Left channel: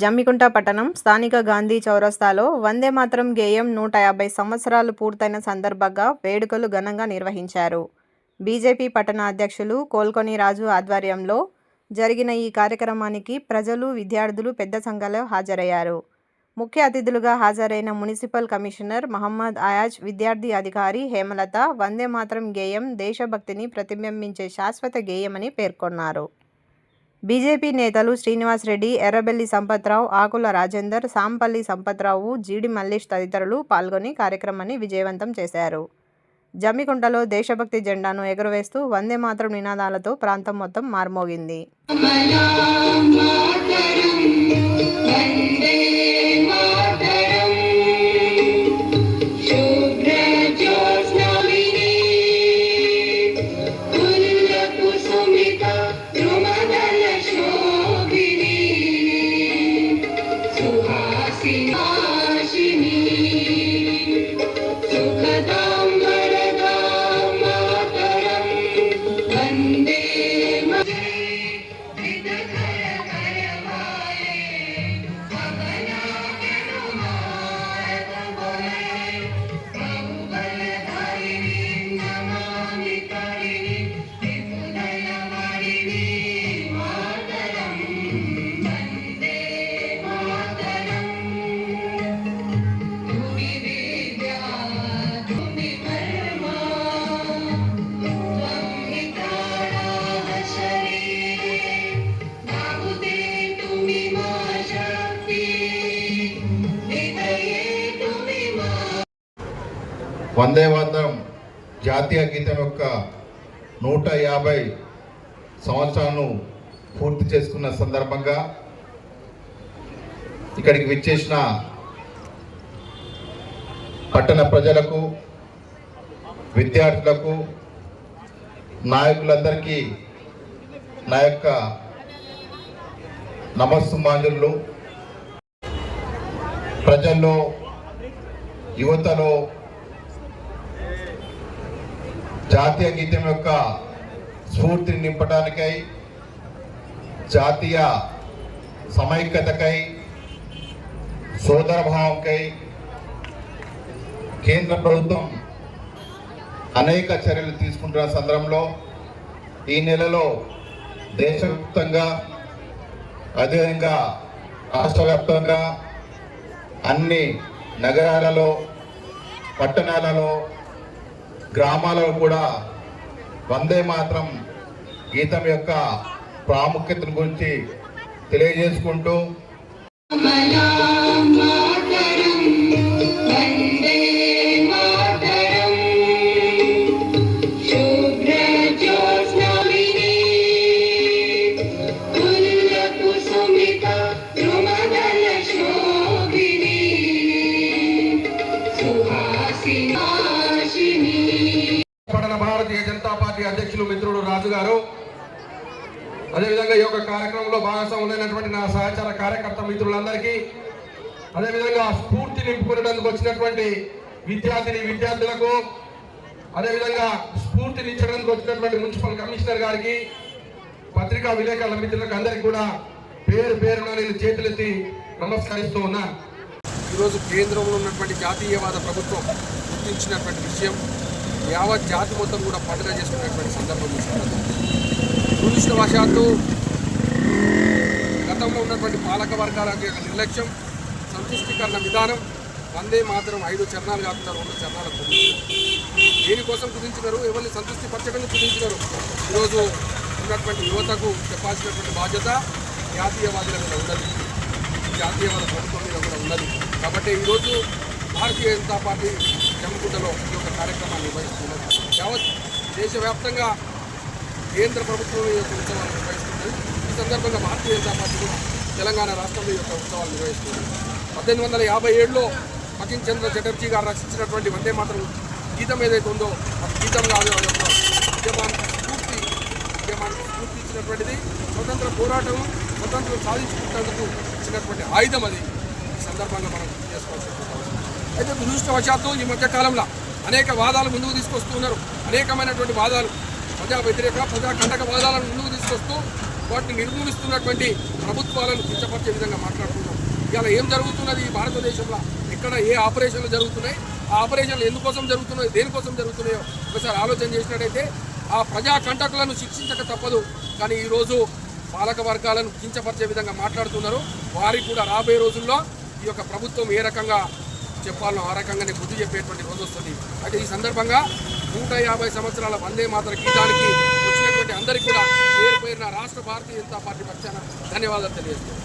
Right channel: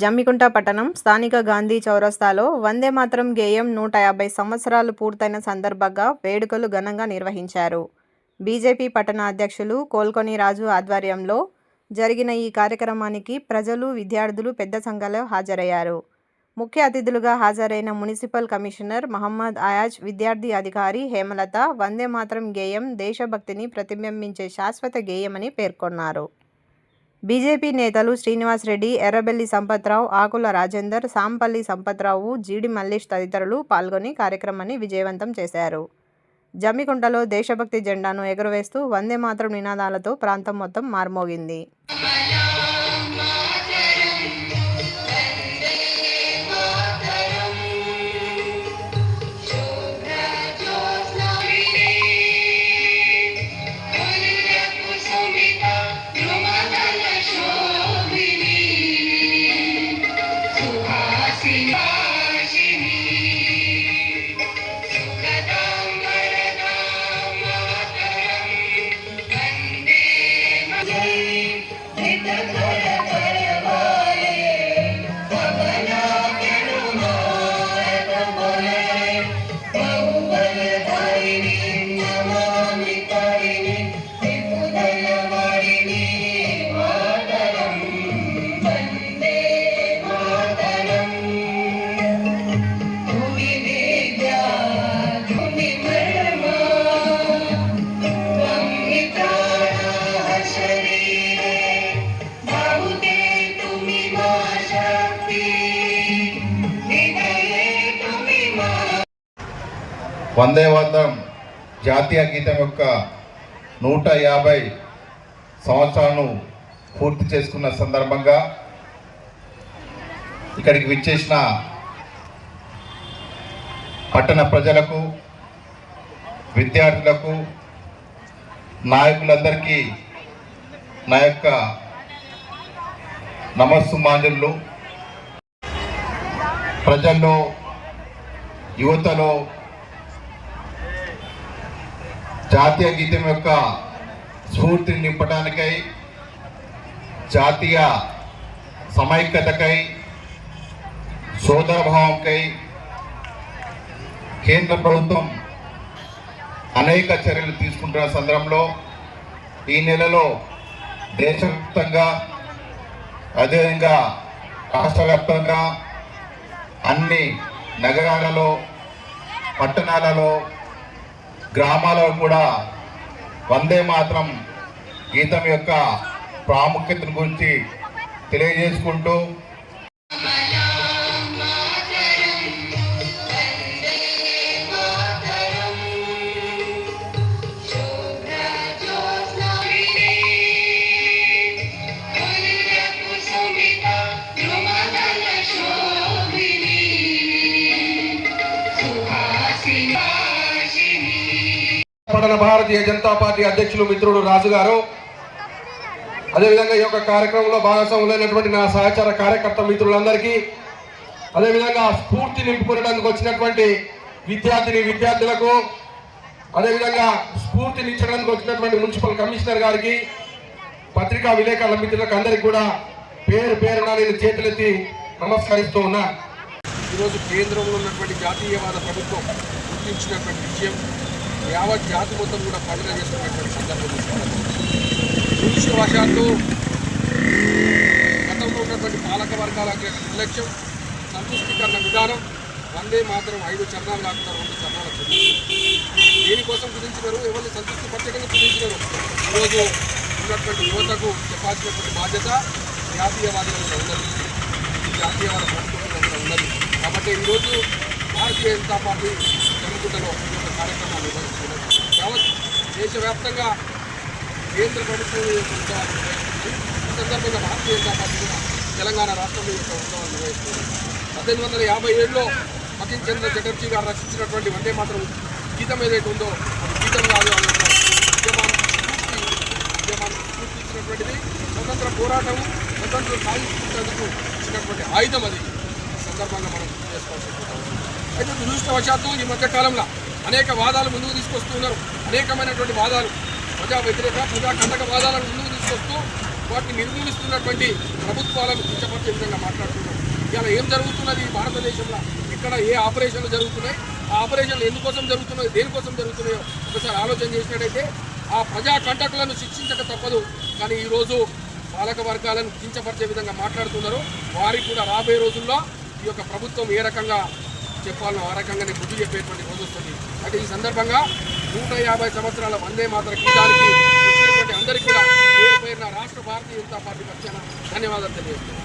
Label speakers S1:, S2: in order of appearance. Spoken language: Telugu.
S1: జమ్మికుంట పట్టణం స్థానిక గాంధీ చౌరస్తాలో వందే మాత్రం గేయం నూట యాభై సంవత్సరాలు పూర్తయిన సందర్భంగా వేడుకలు ఘనంగా నిర్వహించారు. బీజేపీ పట్టణ అధ్యక్షులు కోల్కొని రాజు ఆధ్వర్యంలో జరిగిన ఈ కార్యక్రమానికి ప్రజలు విద్యార్థులు పెద్ద సంఖ్యలో హాజరయ్యారు. ముఖ్య అతిథులుగా హాజరైన మున్సిపల్ కమిషనర్ మహమ్మద్ అయాజ్ విద్యార్థి అధికారి హేమలత వందే మాత్రం గేయం దేశభక్తిని ప్రతిబింబించే శాశ్వత గేయమని పేర్కొన్నారు. బీజేపీ నేతలు శ్రీనివాస్ రెడ్డి ఎర్రబెల్లి సంపత్రావు ఆకుల రాజేందర్ సాంపల్లి సంపత్రావు జీడి మల్లేష్ తదితరులు పాల్గొని కార్యక్రమాన్ని విజయవంతం చేశారు. జమ్మికుంటలో దేశభక్తి జెండాను ఎగురవేస్తూ వందే మాతరం నినాదాలతో ప్రాంతం మొత్తం మార్మోగింది.
S2: వందే వందం
S3: జాతీయ గీతం యొక్క నూట యాభై సంవత్సరాలను పూర్తి చేసుకున్న సందర్భంగా ఇక్కడికి విచ్చేసిన పట్టణ ప్రజలకు విద్యార్థులకు నాయకులందరికీ నా యొక్క నమస్సు నమస్సుమాంజలు. ప్రజల్లో యువతలో జాతీయ గీతం యొక్క స్ఫూర్తిని నింపడానికై జాతీయ సమైక్యతకై సోదరభావంకై కేంద్ర ప్రభుత్వం అనేక చర్యలు తీసుకుంటున్న సందర్భంలో ఈ నెలలో దేశవ్యాప్తంగా అదేవిధంగా రాష్ట్ర వ్యాప్తంగా అన్ని నగరాలలో పట్టణాలలో గ్రామాలలో కూడా వందే మాత్రం గీతం యొక్క ప్రాముఖ్యతను గురించి తెలియజేసుకుంటూ
S4: అధ్యక్షులు మిత్రుడు రాజు గారు అదేవిధంగా ఈ యొక్క కార్యక్రమంలో భాగస్వాములైనటువంటి నా సహచార కార్యకర్త మిత్రులందరికీ అదేవిధంగా స్ఫూర్తి నింపుకునేందుకు వచ్చినటువంటి విద్యార్థిని విద్యార్థులకు అదేవిధంగా స్ఫూర్తినిచ్చడానికి వచ్చినటువంటి మున్సిపల్ కమిషనర్ గారికి పత్రికా విలేకరుల మిత్రులకు అందరికీ కూడా పేరు పేరున నేను చేతులెత్తి నమస్కరిస్తూ ఉన్నా. ఈరోజు కేంద్రంలో ఉన్నటువంటి జాతీయవాద ప్రభుత్వం గుర్తించినటువంటి విషయం యావత్ జాతి మొత్తం కూడా పండుగ చేసుకునేటువంటి సందర్భం దురదృష్టవశాత్తు గతంలో ఉన్నటువంటి పాలక వర్గాల నిర్లక్ష్యం సంతృష్టికరణ విధానం వందే మాత్రం ఐదు చరణాలు కాకుండా రెండు చరణాలు కుదించారు దేనికోసం కుదించినారు? ఎవరిని సంతృప్తి పరచకుండా కుదించినారు? ఈరోజు ఉన్నటువంటి యువతకు చెప్పాల్సినటువంటి బాధ్యత జాతీయవాదుల మీద ఉన్నది. జాతీయవాద ప్రభుత్వం మీద కూడా ఉన్నది. కాబట్టి ఈరోజు భారతీయ జనతా పార్టీ జమ్మికుంటలో ఈ యొక్క కార్యక్రమాన్ని నిర్వహిస్తున్నది. యావత్ దేశవ్యాప్తంగా కేంద్ర ప్రభుత్వం ఈ యొక్క ఉత్సవాలు నిర్వహిస్తుంది. ఈ సందర్భంగా భారతీయ జనతా పార్టీ కూడా తెలంగాణ రాష్ట్రంలో ఈ యొక్క ఉత్సవాలు నిర్వహిస్తుంది. పద్దెనిమిది వందల యాభై ఏడులో మకిన్ చంద్ర చటర్జీ గారు రచించినటువంటి వందే మాత్రం గీతం ఏదైతే ఉందో అది గీతం కాదు అది ఒక ఉద్యమానికి స్ఫూర్తి ఉద్యమానికి స్ఫూర్తి ఇచ్చినటువంటిది. స్వతంత్ర పోరాటం స్వతంత్రం సాధించుకునేందుకు ఇచ్చినటువంటి ఆయుధం అది. ఈ సందర్భంగా మనం చేసుకోవాల్సినటువంటి అవసరం అయితే దురదృష్టవశాత్తు ఈ మధ్యకాలంలో అనేక వాదాలు ముందుకు తీసుకొస్తున్నారు అనేకమైనటువంటి వాదాలు ప్రజా వ్యతిరేక ప్రజా కంటక వాదాలను ముందుకు తీసుకొస్తూ వాటిని నిర్మూలిస్తున్నటువంటి ప్రభుత్వాలను కించపరిచే విధంగా మాట్లాడుతున్నారు ఇలా ఏం జరుగుతున్నది ఈ భారతదేశంలో? ఇక్కడ ఏ ఆపరేషన్లు జరుగుతున్నాయి? ఆ ఆపరేషన్లు ఎందుకోసం జరుగుతున్నాయి? దేనికోసం జరుగుతున్నాయో ఒకసారి ఆలోచన చేసినట్టయితే ఆ ప్రజా కంటకులను శిక్షించక తప్పదు. కానీ ఈరోజు పాలక వర్గాలను కించపరిచే విధంగా మాట్లాడుతున్నారు. వారికి కూడా రాబోయే రోజుల్లో ఈ యొక్క ప్రభుత్వం ఏ రకంగా చెప్పాలని ఆ రకంగానే బుద్ధి చెప్పేటువంటి రోజు వస్తుంది. అయితే ఈ సందర్భంగా నూట యాభై సంవత్సరాల వందే మాత్ర గీతానికి వచ్చినటువంటి అందరికీ కూడా పేరు పేరున రాష్ట్ర భారతీయ జనతా పార్టీ పక్షాన ధన్యవాదాలు తెలియజేస్తున్నాను